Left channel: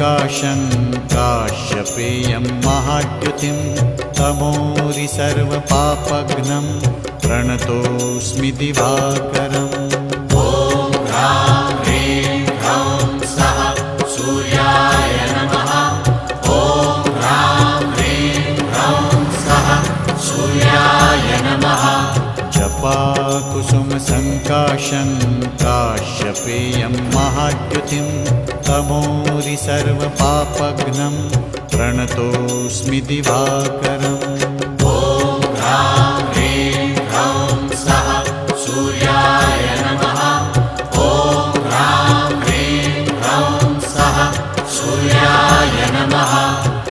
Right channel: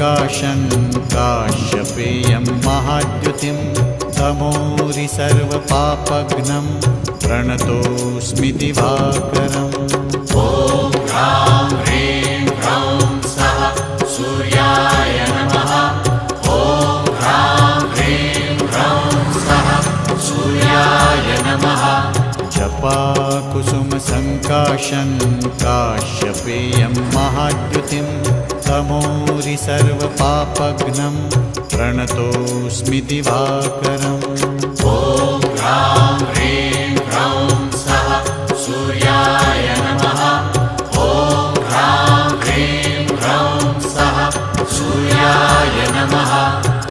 सङ्काशं काश्यपेयं महाद्युतिं तमोरि सर्वपापघ्नं प्रणतोऽस्मि दिवाकरम्। ॐ ह्रां ह्रीं ह्रौं स्वः सूर्याय नमः। ॐ ह्रां ह्रीं ह्रौं स्वः सूर्याय नमः। जपाकुसुमसङ्काशं काश्यपेयं महाद्युतिं तमोरि सर्वपापघ्नं प्रणतोऽस्मि दिवाकरम्।